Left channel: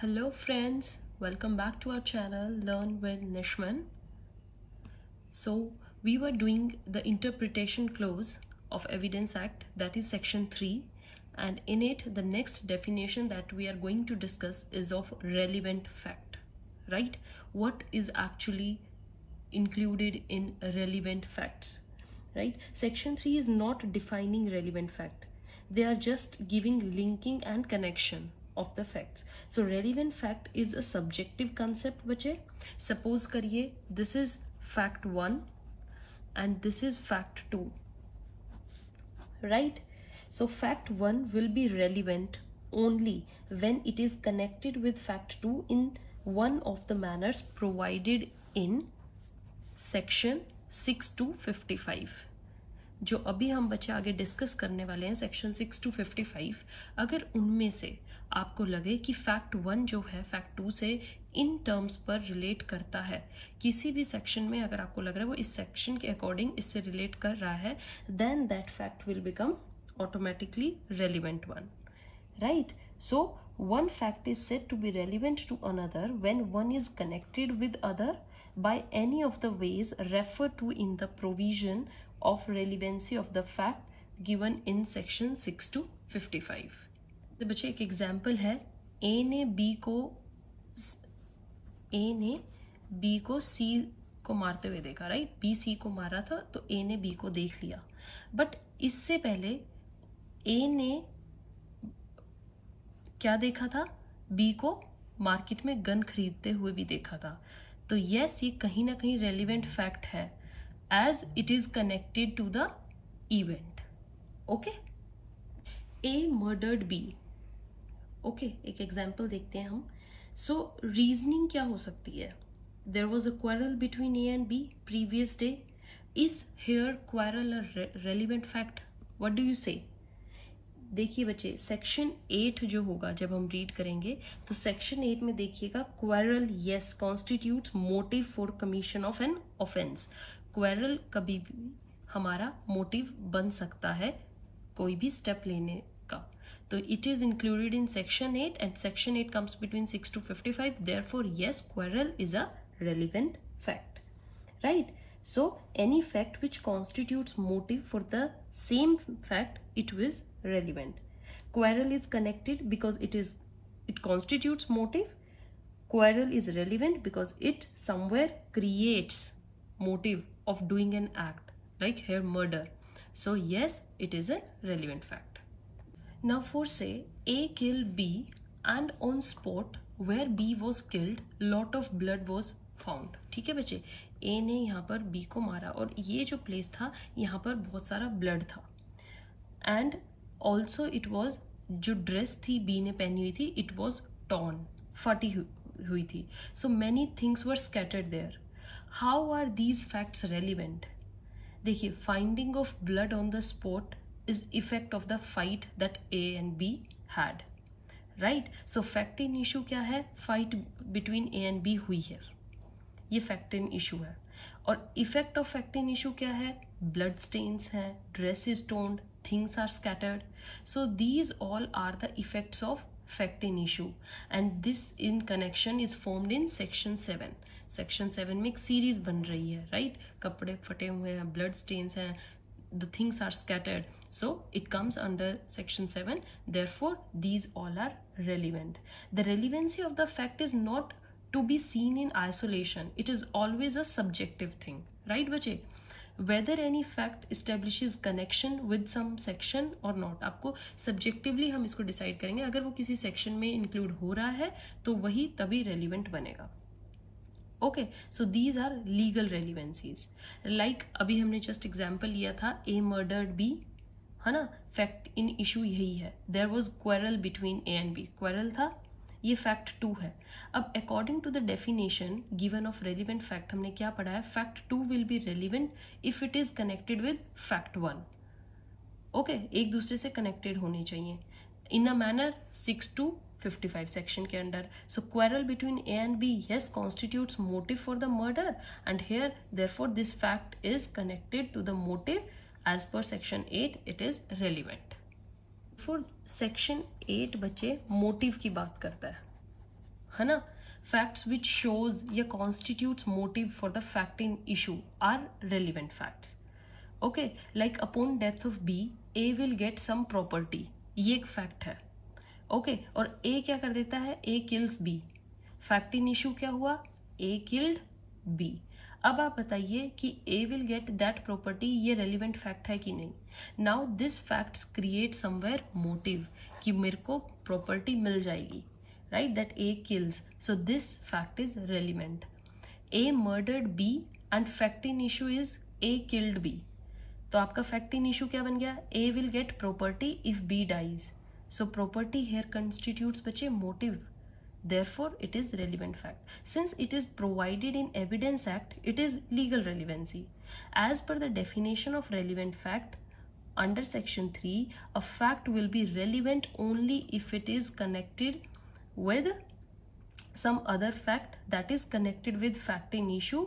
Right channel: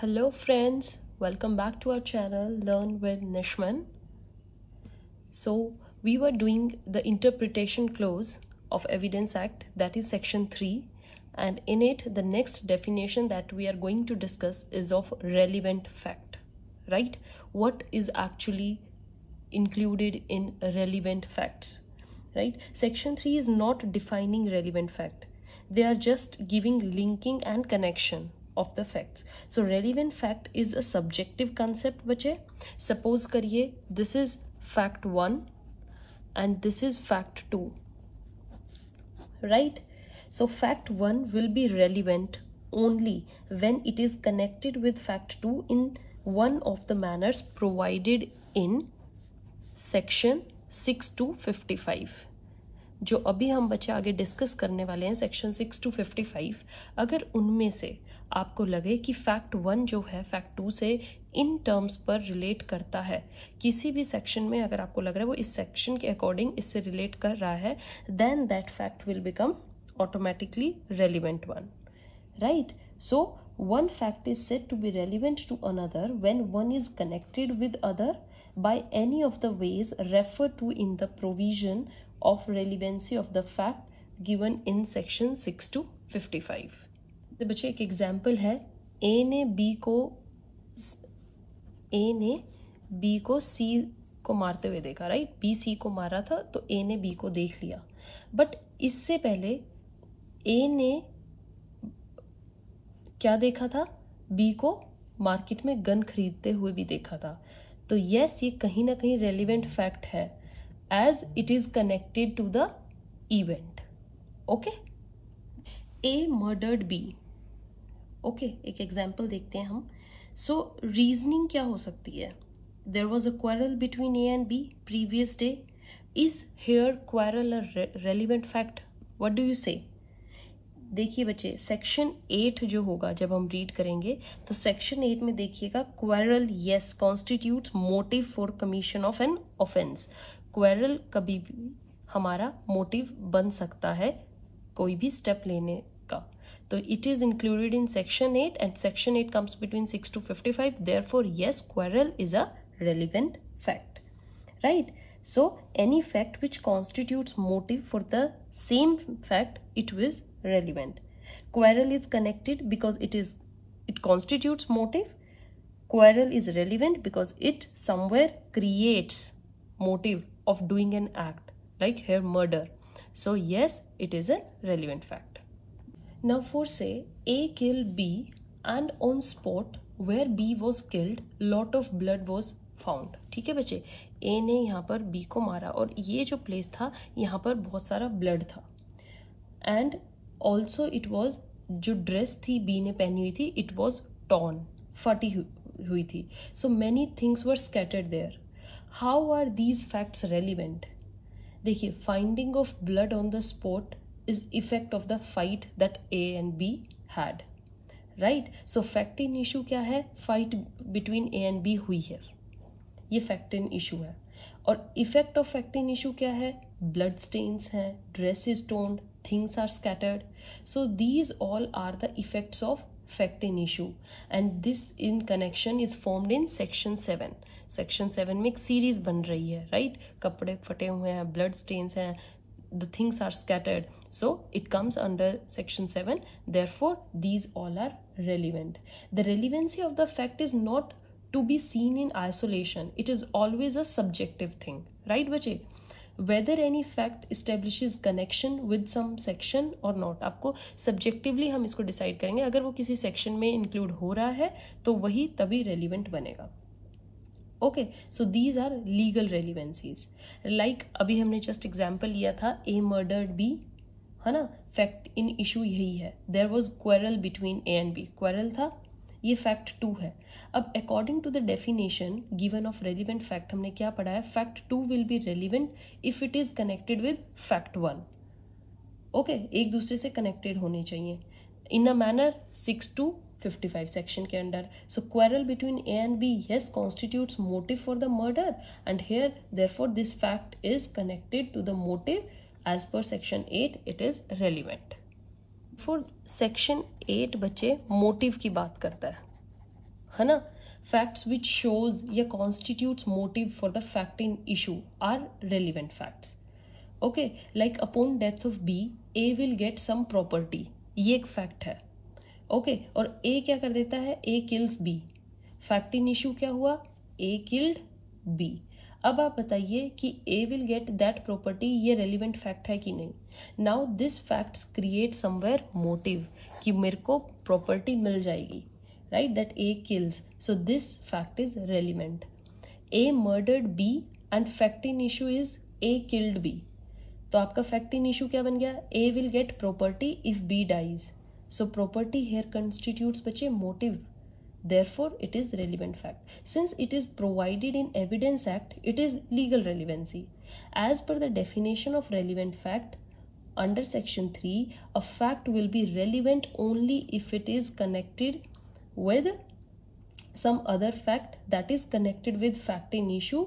Hello friends, welcome back to our channel Learn with Nishman. So we were doing the interpretation clause of Evidence Act, that is section 3, and in it the next definition that we are going to discuss is of relevant fact, right? What is actually included in relevant facts, right? Section 3 is not defining relevant fact. They are just giving linking and connection of the facts. So relevant fact is a subjective concept बच्चे. Suppose करिए this is fact 1 and this is fact 2, right? So fact 1 will be relevant only when it is connected with fact 2 in one of the manners provided in section 6 to 55. जो अभी हम बच्चे आगे discuss करने वाले हैं section 6 to 55, अगर उनमें से आपको लगे कि फैक्ट 1 जो है फैक्ट 2 से इन टर्म्स पर रिलेट करता है, किसी भी सेक्शन में अगर आपको लग रहा है वो इस सेक्शन के अकॉर्डिंग इससे रिलेट कर रहा है, then that fact will become automatically relevant one, right? So one fact is said to be relevant to another when one is connected with other by any of the ways referred to in the provision of relevancy of the fact given in section 6 to 55. तो बच्चे एक example है, ए ने B को सी को मारते हुए देखा, राइट? बी सी को मारा था तो ए ने बी को देख लिया, बट इससे पहले ए ने क्या देखा था? बी को मार्केट में गन खरीदते हुए भी देखा था. तो यस, ये कहीं ना कहीं रेलिवेंट फैक्ट है as it is connected to the event. Okay, A murdered B. Okay, एक एग्जाम्पल देखते हैं हम. सो रीजनिंग क्या हो सकती है? There was a quarrel between A and B previous day. Is here quarrel a relevant fact? What do you say? देखिए बच्चे, सेक्शन 8 जो होगा जब हम रीड करेंगे तो सेक्शन 8 में देखिएगा, quarrel yes constitutes motive for commission of an offence. Quarrel कभी भी हमारा मोटिव बन सकता है कोई भी स्टेप लेने का. तो it is included in section 8 and section 8 comes between 6 to 55. Therefore yes, quarrel is a relevant fact, right? So any fact which constitutes motive for the same fact, it was relevant. Quarrel is connected because it constitutes motive. Quarrel is relevant because it somewhere creates motive of doing an act, like here murder. So yes, it is a relevant fact. Now for say A killed B and on spot where B was killed, lot of blood was found. ठीक है बच्चे, ए ने यहाँ पर B को मारा और ये जो प्लेस था यहाँ पर बहुत सारा ब्लड था, एंड ऑल्सो इट वॉज, जो ड्रेस थी बी ने पहनी हुई थी, इट वॉज टॉर्न, फटी हुई थी. So many things were scattered there. How are these facts relevant? देखिए, finding of blood on the spot is effect of the fight that A and B had, right? So fact in issue क्या है? Fight between A and B हुई है, ये fact in issue है. और effect of fact in issue क्या है? Blood stains हैं, ड्रेस इज टोन्ड, things are scattered. So these all are the effects of fact in issue and this in connection is formed in section 7. Section 7 में एक series बन रही है, right? कपड़े फटे हुए हैं, ब्लड स्टेन्स हैं, the things are scattered, so it comes under section 7. Therefore these all are relevant. The relevancy of the fact is not to be seen in isolation. It is always a subjective thing, right बच्चे? Whether any fact establishes connection with some section or not, आपको subjectively हम इसको decide करेंगे. अगर वो किसी section में include हो रहा है तो वही तभी relevant बनेगा. Okay, so these are legal relevancies. Like अभी हमने जस्ट एग्जाम्पल लिया था, ए मर्डर्ड बी, है ना? फैक्ट इन इशू यही है. There was quarrel between A and B, quarrel था, ये फैक्ट 2 है. अब according to the definition given of relevant fact हमने क्या पढ़ा है? Fact 2 will be relevant if it is connected with fact 1. Okay, एक दूसरे से कनेक्टेड होने चाहिए in a manner 6 to 55 section के under. So quarrel between A and B yes constitutes motive for the murder and here therefore this fact is connected to the motive as per section 8. It is relevant. For section 8 बच्चे motive की बात करता है, है ना. Facts which shows या constitutes motive for the fact in issue are relevant facts. Okay, like upon death of B A will get some property, ये एक फैक्ट है. ओके, और ए क्या कर देता है, A kills B. Fact in issue क्या हुआ, ए किल्ड बी. अब आप बताइए कि A will get that property, ये रेलिवेंट फैक्ट है कि नहीं. Now this facts create somewhere motive कि मेरे को प्रॉपर्टी मिल जाएगी, right, that A kills. So this fact is relevant. A murdered B and fact in issue is A killed B. तो आपका फैक्ट इन इशू क्या बन गया, ए will get property if B dies. So property here constitutes बच्चे motive. Therefore, it is relevant fact. Since it is provided in Evidence Act, it is legal relevancy. As per the definition of relevant fact, under Section 3, a fact will be relevant only if it is connected with some other fact that is connected with fact in issue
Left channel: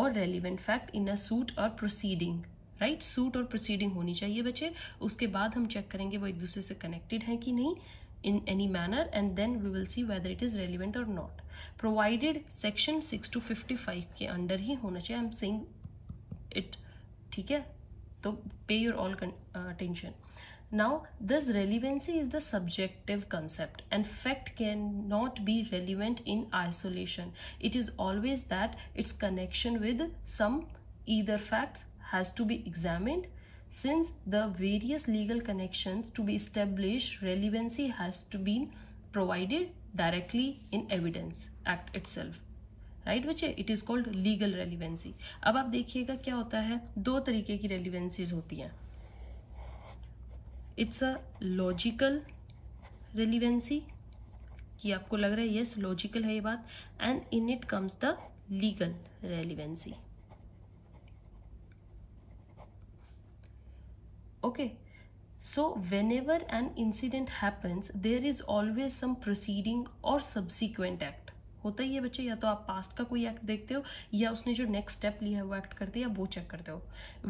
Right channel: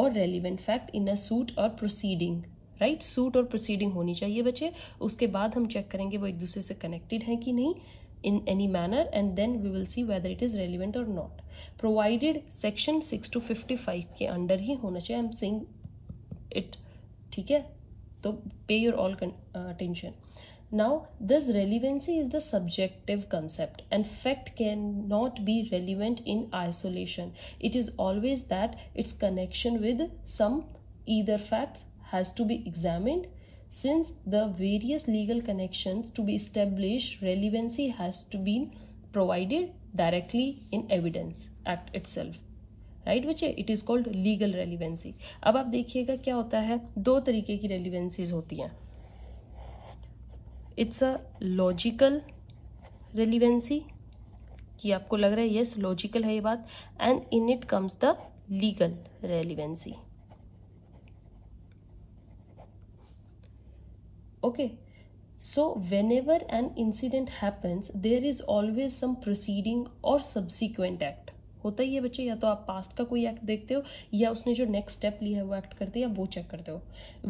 or relevant fact in a suit or proceeding. Right? Suit और proceeding होनी चाहिए बच्चे. उसके बाद हम check करेंगे वो एक दूसरे से connected है कि नहीं in any manner, and then we will see whether it is relevant or not. Provided section 6 to 55 के अंडर ही होना चाहिए. I'm saying it, ठीक है, तो pay your all attention. Now this relevancy is the subjective concept and fact cannot be relevant in isolation. It is always that its connection with some either facts has to be examined. Since the various legal connections to be established, relevancy has to be provided directly in Evidence Act itself. Right बच्चे, it is called legal relevancy. अब आप देखिएगा क्या होता है, दो तरीके की relevancies होती हैं. It's a logical relevancy, कि आपको लग रहा है yes logical है ये बात, and in it comes the legal relevancy. Okay, so whenever an incident happens, there is always some proceeding or subsequent act. होता ही है बच्चे, या तो आप पास्ट का कोई एक्ट देखते हो या उसने जो नेक्स्ट स्टेप लिया है वो एक्ट करते हैं या वो चेक करते हो.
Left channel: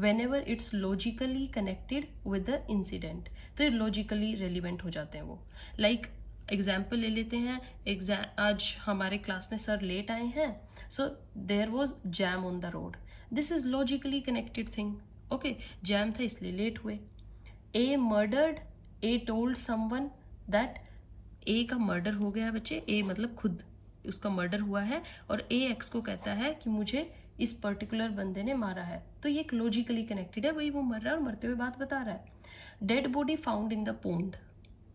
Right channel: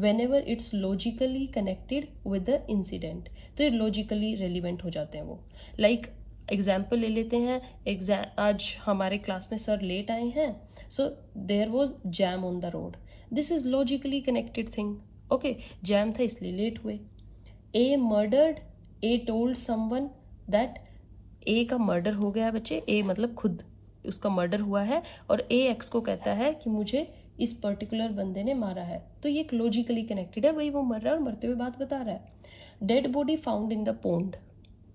Whenever it's logically connected with the incident, तो ये logically relevant हो जाते हैं वो. Like एग्जाम्पल ले लेते हैं, आज हमारे क्लास में सर लेट आए हैं, so there was jam on the road. This is logically connected thing. Okay, jam था इसलिए लेट हुए. A murdered, A told someone that, A का मर्डर हो गया बच्चे, ए मतलब खुद उसका मर्डर हुआ है और ए एक्स को कहता है कि मुझे इस पर्टिकुलर बंदे ने मारा है. तो ये एक लॉजिकली कनेक्टेड है, भाई वो मर रहा है और मरते हुए बात बता रहा है. Dead body found in the pond,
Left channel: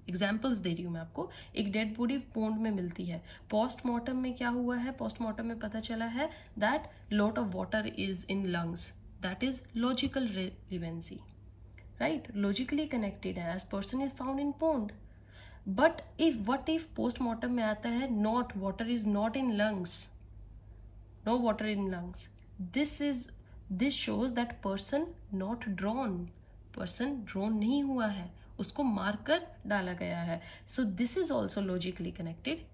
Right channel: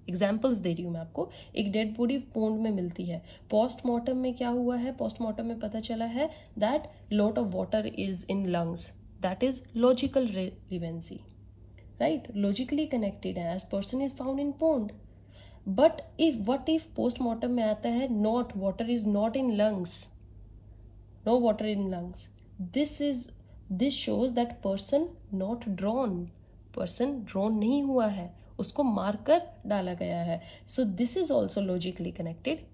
examples दे रही हूँ मैं आपको. एक डेड बॉडी पोंड में मिलती है. पोस्टमार्टम में क्या हुआ है, पोस्टमार्टम में पता चला है that lot of water is in lungs. That is logical relevancy, right? Logically connected है, as person is found in pond. But what if postmortem में आता है not, water is not in lungs, no water in lungs. This shows that person not drawn, person drawn नहीं हुआ है, उसको मारकर डाला गया है. So this is also logically connected.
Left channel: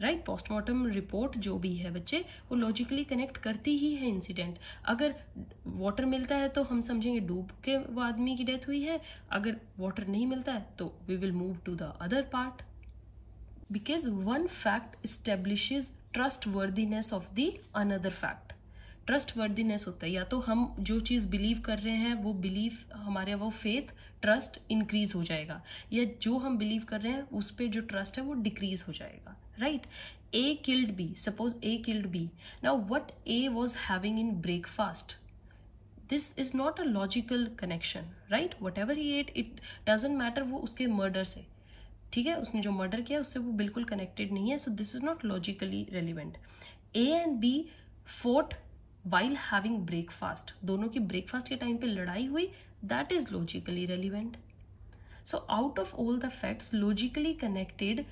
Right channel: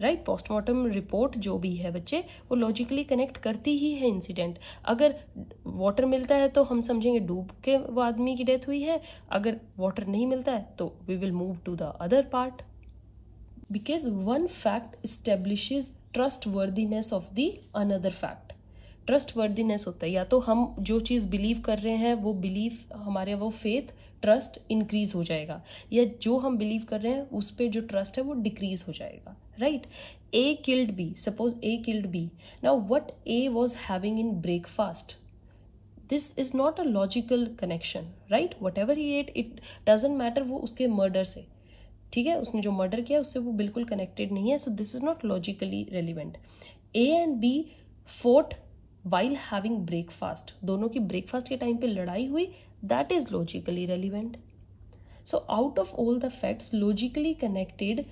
Right, postmortem report जो भी है बच्चे वो लॉजिकली कनेक्ट करती ही है इंसिडेंट. अगर वाटर मिलता है तो हम समझेंगे डूब के वो आदमी की डेथ हुई है, अगर वाटर नहीं मिलता है तो we will move to the other part. Because one fact establishes trustworthiness of the another fact. Trustworthiness होता है, या तो हम जो चीज बिलीव कर रहे हैं वो बिलीव हमारे वो फेथ ट्रस्ट इंक्रीज हो जाएगा, या जो हम बिलीव कर रहे हैं उस पर जो ट्रस्ट है वो डिक्रीज हो जाएगा. Right? A killed B. Suppose A killed B. Now what A was having in breakfast? This is not a logical connection, right? Whatever he ate, it doesn't matter वो उसके murder से, ठीक है, उसने जो murder किया उससे वो बिल्कुल connected नहीं है. So this is not logically relevant. A and B fought while having breakfast. दोनों की breakfast के टाइम पे लड़ाई हुई. That is logically relevant. So out of all the facts logically connected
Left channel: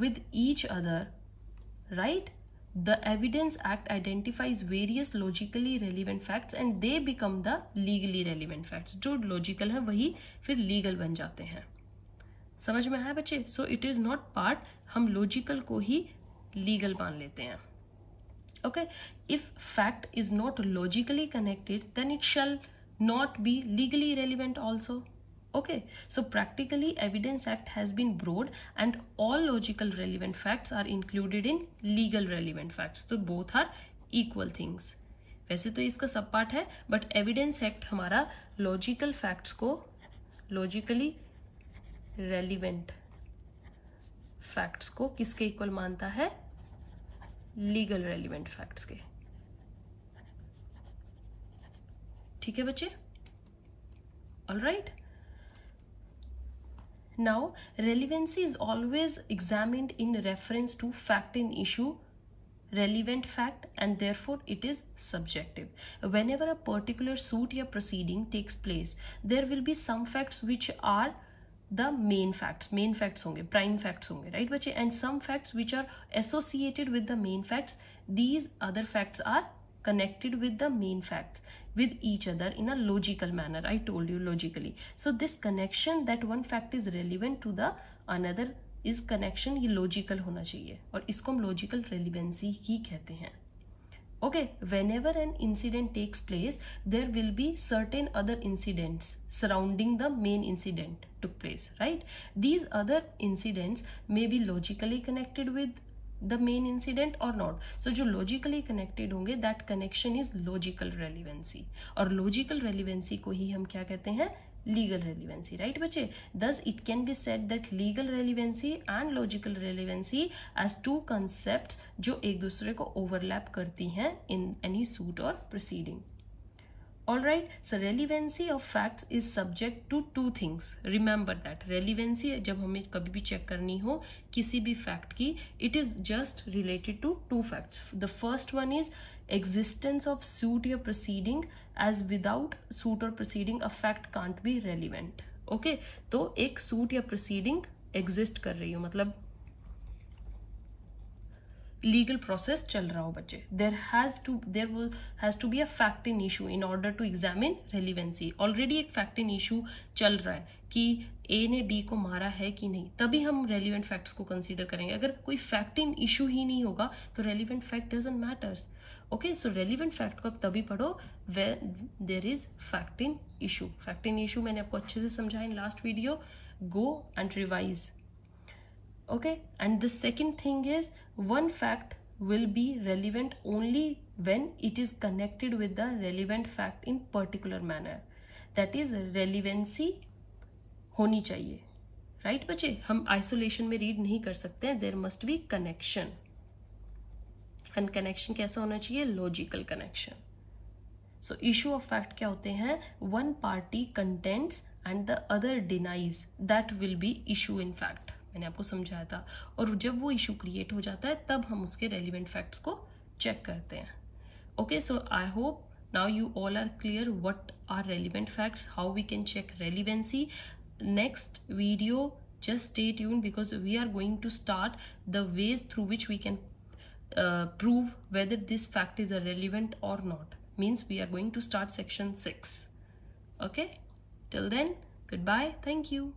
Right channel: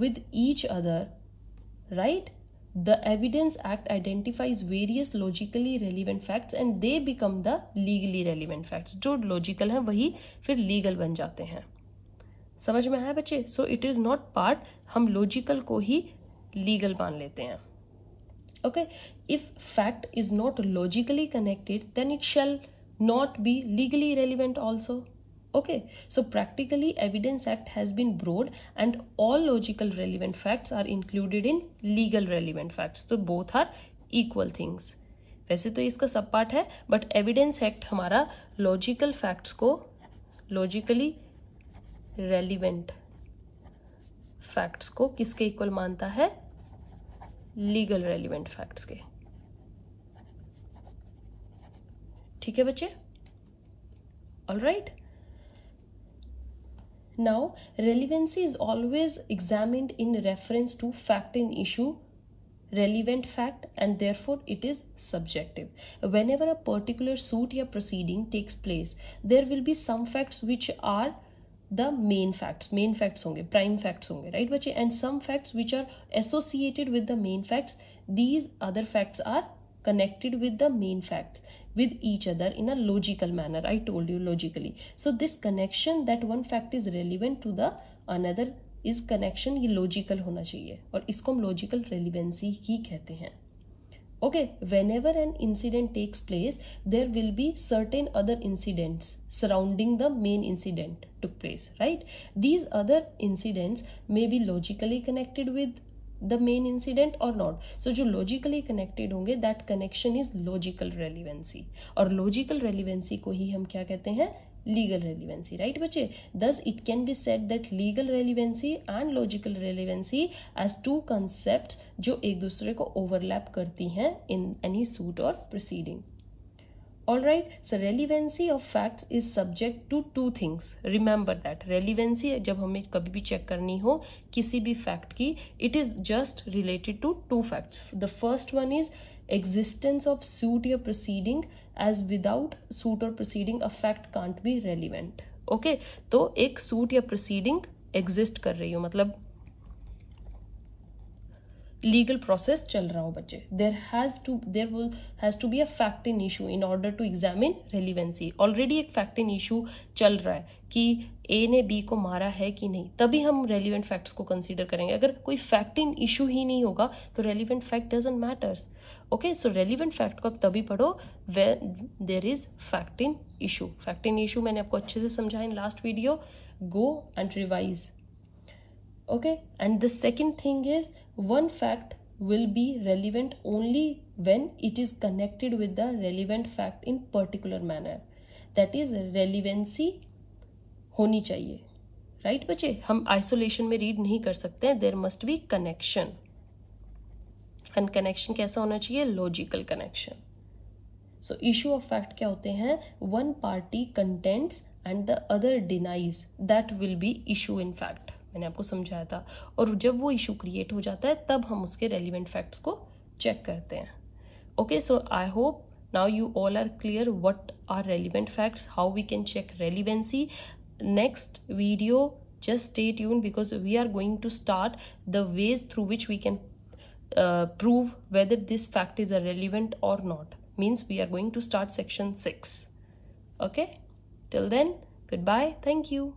with each other, right, the Evidence Act identifies various logically relevant facts and they become the legally relevant facts. जो logical है वही फिर legal बन जाते हैं. समझ में आया बच्चे? So it is not part, हम logical को ही legal मान लेते हैं. Okay, if fact is not logically connected then it shall not be legally relevant also. Okay, so practically Evidence Act has been broad and all logical relevant facts are included in legal relevant facts. तो both are equal things. वैसे तो इसका सब part है, but evidence act हमारा logical facts को, logically relevant facts को किसके इक्वल मानता है? लीगल रेलिवेंट फैक्ट्स के. ठीक है बच्चे? Alright. Now, relevancy is always examined in reference to fact in issue, relevant fact, and therefore it is subjective. Whenever a particular suit or proceeding takes place, there will be some facts which are the main facts होंगे, prime facts होंगे, right बच्चे? And some facts which are associated with the main facts, these other facts are connected with the main facts with each other in a logical manner. I told you, logically. So this connection that one fact is relevant to the another is connection, ये logical होना चाहिए, और इसको हम logical relevancy ही कहते हैं. Okay, whenever an incident takes place, there will be certain other incidents surrounding the main incident took place, right? These other incidents may be logically connected with the main incident or not. So जो logically connected होंगे, that connection is logical relevancy, और logical relevancy को ही हम क्या कहते हैं? Legal relevancy, right बच्चे? Thus it can be said that legal relevancy and logical relevancy as two concepts जो एक दूसरे को overlap करती हैं in any suit or proceeding. Alright, so relevancy of facts is subject to two things. Remember that relevancy जब हमें कभी भी चेक करनी हो किसी भी fact की, it is just related to two facts. The first one is existence of suit or proceeding, as without suit or proceeding a fact can't be relevant. Okay, तो एक suit या proceeding exist कर रही हो, मतलब legal process चल रहा हो बच्चे, there has to be a fact in issue in order to examine relevancy. Already एक फैक्ट इन इशू चल रहा है कि ए ने बी को मारा है कि नहीं, तभी हम रेलिवेंट फैक्ट्स को कंसीडर करेंगे. अगर कोई फैक्ट इन इशू ही नहीं होगा तो relevant fact doesn't matters. Okay, so relevant fact को आप तभी पढ़ो when there is fact in issue. Fact in issue मैंने आपको अच्छे से समझाया in last video. Go and revise. Okay, and the second thing is one fact will be relevant only when it is connected with the relevant fact in particular manner. That is relevancy होनी चाहिए, right बच्चे? हम isolation में read नहीं कर सकते हैं. There must be connection, and connection कैसा होना चाहिए? Logical connection. So issue of fact क्या होते हैं? One party contends and the other denies. That will be issue in fact. मैंने आपको समझाया था. और जब वो इशू क्रिएट हो जाता है तब हम उसके रेलिवेंट फैक्ट्स को चेक करते हैं. Okay, so I hope now you all are clear what are relevant facts, how we can check relevancy. Next video just stay tuned because we are going to start the ways through which we can prove whether this fact is relevant or not. Means we are going to start section 6. Okay, till then, goodbye, thank you.